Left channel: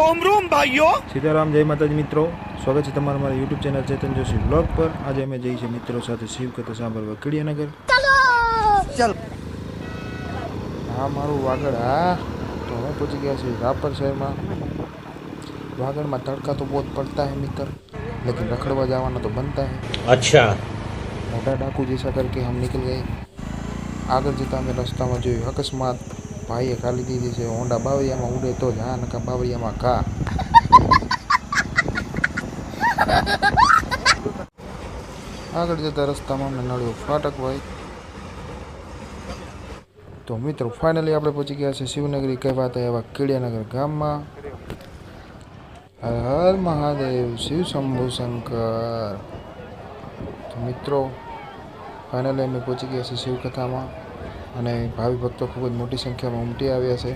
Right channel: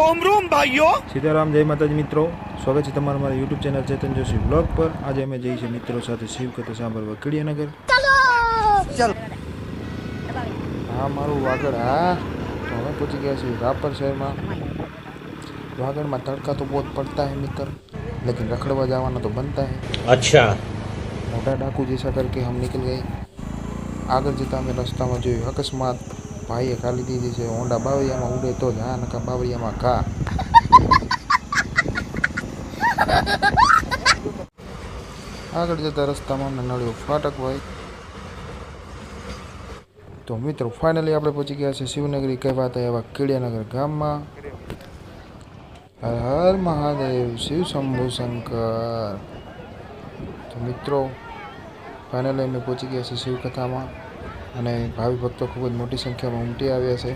रोम रोम भाइयों। सीताराम जय माताजी मित्रों, स्वागत है तमारा हमारा यूट्यूब चैनल चेतन जोशी ब्लॉग पर। आज अमे जई छे मित्रों साथे शिव कथा सांभळवा कीडियानगर। चल हाँ मारू वागड़। हाँ तो हमें पहुंची गया छे रापर शहर में। वागड़ में तड़का तो बहुत पड़ता है मित्र, लेकिन रखड़वा जावाना तो बनता है। अच्छा मोटा डाकू जैसा करके हम निकल गए। आगे जता हमें रस्ता में जो अकस्मात भाईए खाली दीधी से होंडा बावरिया में उड़े तो हाँ नका बावरिया में का। आगे जता रस्ता में हमने नड़ियो फाटक भाई। तो मित्रों फाइनली आपणे पहुंची गया है शिवनगरी कहवाता एवा कीडियानगर गाम में। हर हर महादेव, शिव शंभु शंकर। तो मित्रों फाइनली अमे पहुंची गया है शिव कथा में અને ભાવિ ભક્તો ખૂબ જ મોટી સંખ્યામાં ઉમટી આવ્યા છે।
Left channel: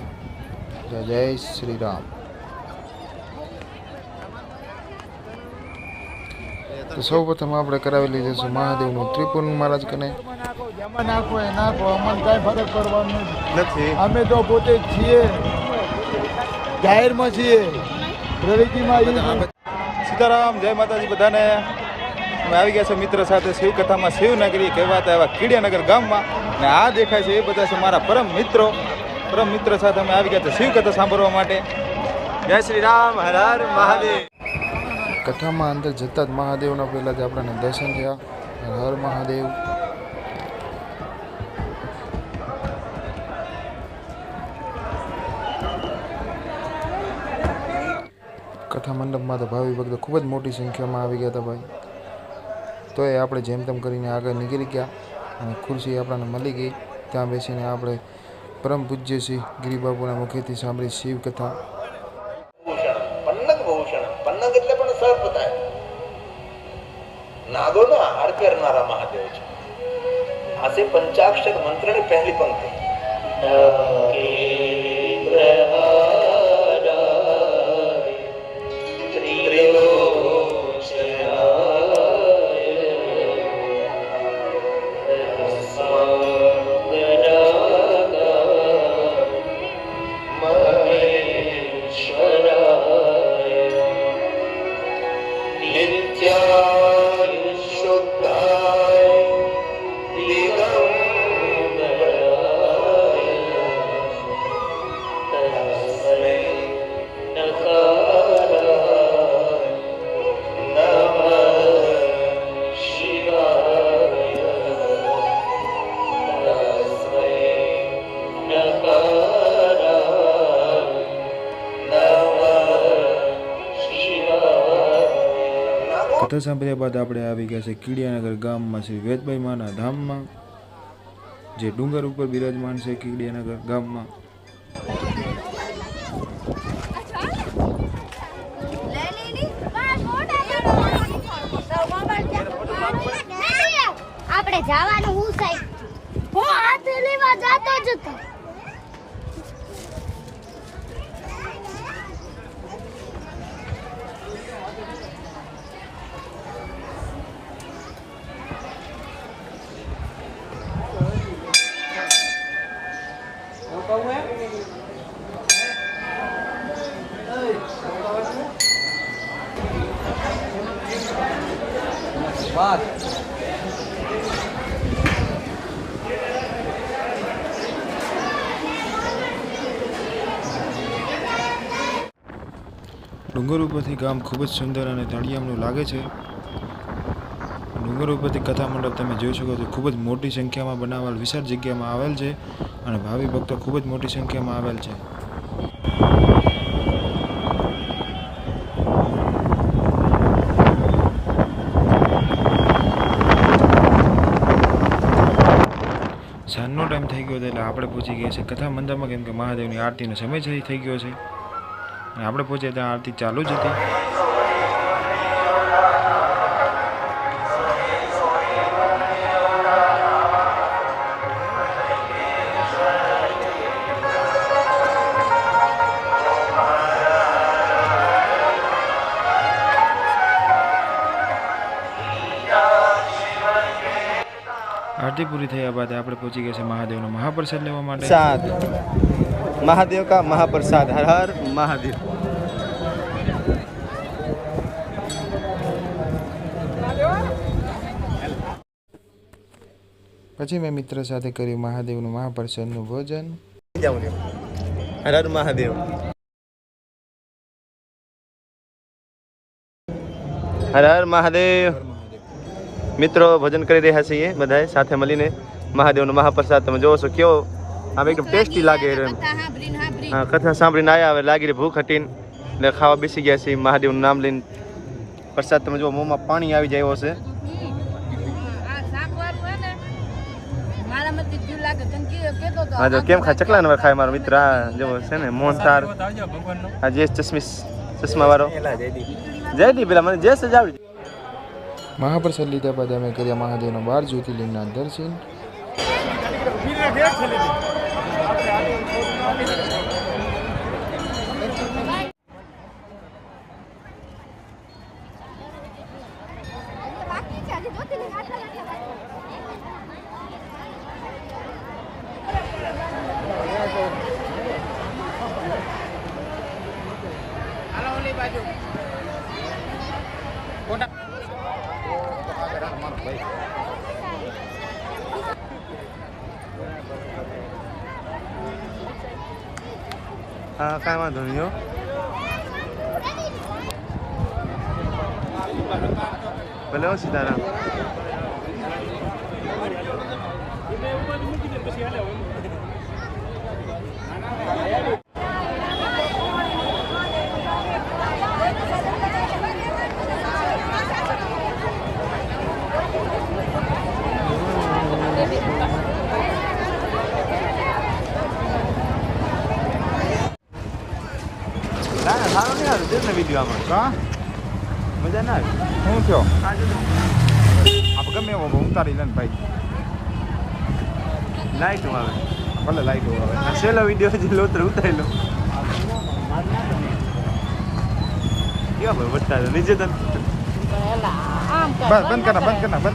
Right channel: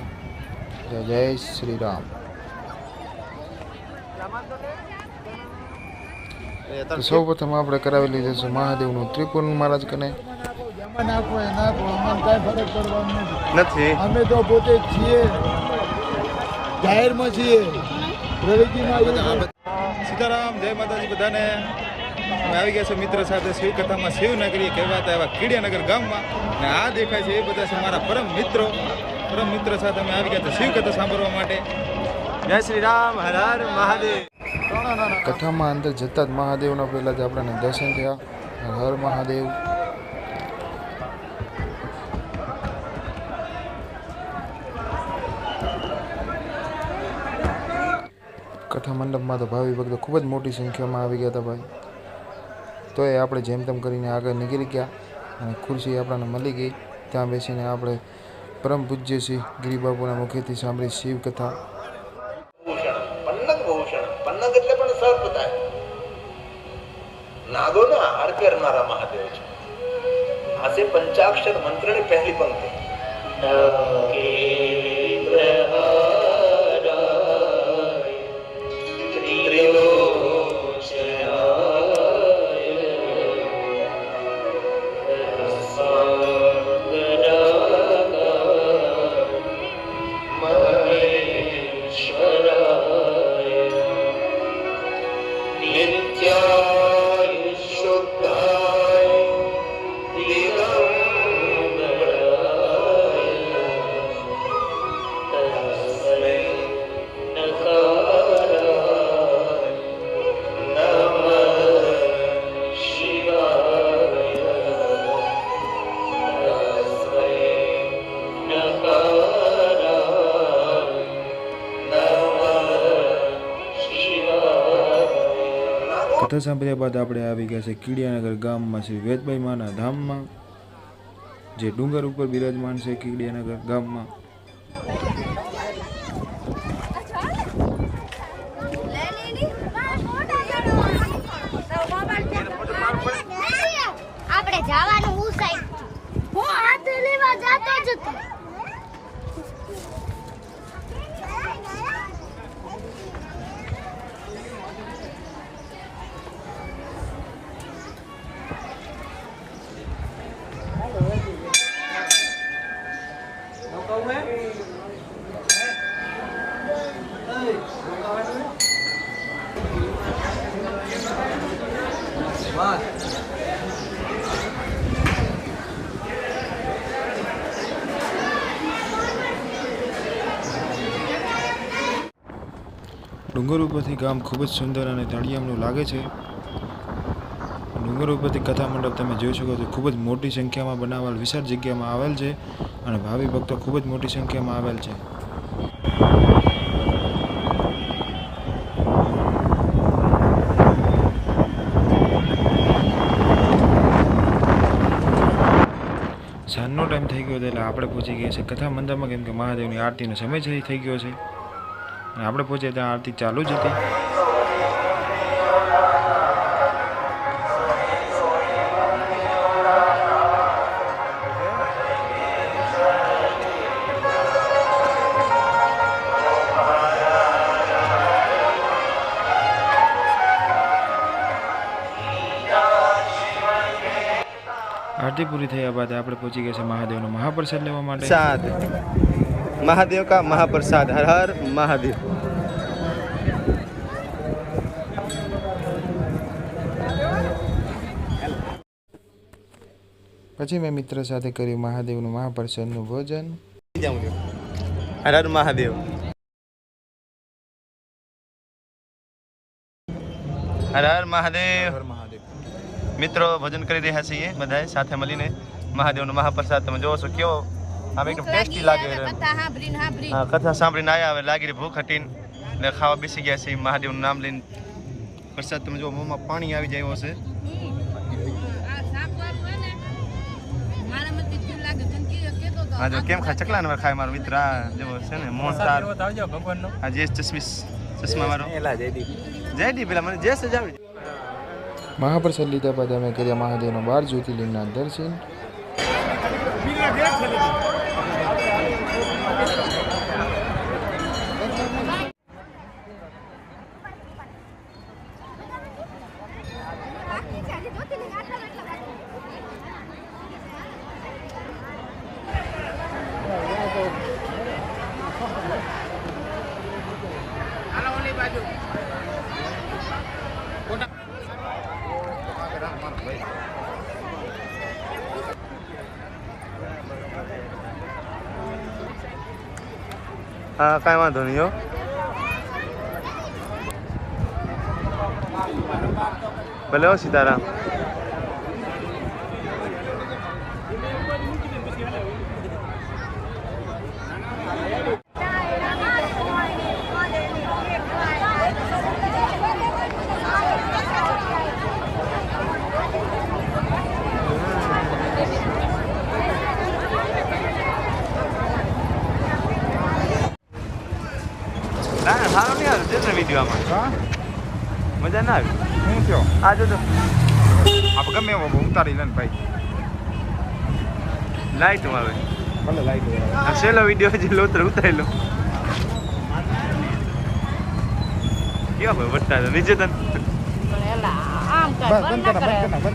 જય શ્રી રામ। તો સૌપ્રથમ આપણે કરાવી લીધું છે મહાદેવનું ત્રિપુર મહારાજ કને। અમે તો પોતે છીએ જાહેરમાં છીએ પ્રવૃત્તિમાં। સીતારામ જય માતાજી બધાને। અમે આવી ગયા છે મિત્ર સાથે શિવ કથામાં શિવનગરી કહેવાતા એવા कीडियानगर ગામમાં। ને આ દેખાય છે એ બધા છે મારા પરમ મિત્ર સાથે અમે આવી ગયા છે શિવ કથા સાંભળવા માટે। जय श्री राम, हर हर महादेव। કથામાં અંદર જતા જ મહાદેવના પહેલા જ આપણને દર્શન થયા। હર હર મહાદેવ। કથા મંડપમાં તો ભાવિ ભક્તો ખૂબ જ મોટી સંખ્યામાં આવી ગયા હતા ભાઈ। તો એ આપણે જેમ તેમ કરીને આગળ નીકળી ગયા અને ખુરશી આપણને મળી ગઈ। ત્યાં બેસીને આપણે પરમ પૂજ્ય શ્રી ગિરિબાપુના મુખેથી સાંભળી શિવ કથા। पन्नग भूषण पन्नग એટલે પણ સર્પ થાય નાદોનો હાર કરનારા મહાદેવ છે। આસે પંચાક્ષર મંત્રની પહેલી પંક્તિ કથા સાંભળ્યા બાદ આપણે આવી ગયા છે कीडियानगर ગામમાં શ્રી વેદભાઈ માના ધામમાં, જે ડુંગર ઉપર બિરાજમાન છે कीडियानगर ગામમાં। આપણે જવાનું હું સાઈડ હું હાથ લેવા જાતો જ હતો। ડુંગર ઉપરથી ગામ ખૂબ જ સુંદર અને તળિયામનું લાગે છે। ડુંગર ઉપરથી કથા મંડપ તમે જોઈ શકો છો, ખૂબ જ મોટી સંખ્યામાં બનાવેલ વિશાળ જગ્યામાં આવેલ છે અને ભાવિ ભક્તો ખૂબ જ મોટી સંખ્યામાં આવેલ છે। સાંજનો ટાઈમ થઈ ગયો હતો એટલે આપણે પહોંચી ગયા છે કથા મંડપમાં, કેમ કે મહાદેવની આરતીનો સમય થઈ ગયો છે અને આપણે પહોંચ્યા ત્યાં આરતી ચાલુ જ હતી। आरती पूरी थया बाद आपणे पहुंची गए महादेव महाप्रसाद लेवा माटे। महादेव का महाप्रसाद। हर हर महादेव। પછી મેં મિત્ર સાથે કર્યું મહાદેવનું મહાપ્રસાદનું ભોજન. હર હર મહાદેવ. હર હર મહાદેવ. મિત્રો ભોજન કરી રહ્યા છીએ બધાએ સાથે મળીને. મહાદેવનો મહાપ્રસાદ તમે જોવો છો કેવો આમ એકદમ ટેસ્ટી લાગે. કથા સાંભળીને આવ્યા હવે લાગી રહી ભૂખ હતી એટલે ખાવા બેસી ગયા છીએ. મહાદેવનું નામ લઈને પ્રસાદ તમે જો મોંમાં પાણી આવી જાય એવો છે. હા જો કેમ ખાય ચકલા ને ખાય મારો મિત્ર આ જેવો છે ને મોહનથાળ. હા જે ચશ્મા વાળો જયદીપ પેલા મને જે સજ આવી. મહાપ્રસાદ લીધા બાદ અમે કર્યા મહાદેવના 12 જ્યોતિર્લિંગના દર્શન. હા કાંઈ વાંધો નહીં હો. ભલે હો સીતારામ. ના સારો નહીં આવ્યો છે ને વિડીયો આમાં. કા મજા ના આવી. શું થયો આ જો તો આપણે ગમે એવો ઉતારી લે ને ભાઈ. લાઈટ આવે. ભલે લાઈટ આવે. આ છેલ્લો વિડીયો હજી લોતર ઉતારી લો. કેવા ભાઈ વટતા નીચે તને બંધ કરના બંધ કરના બંધ.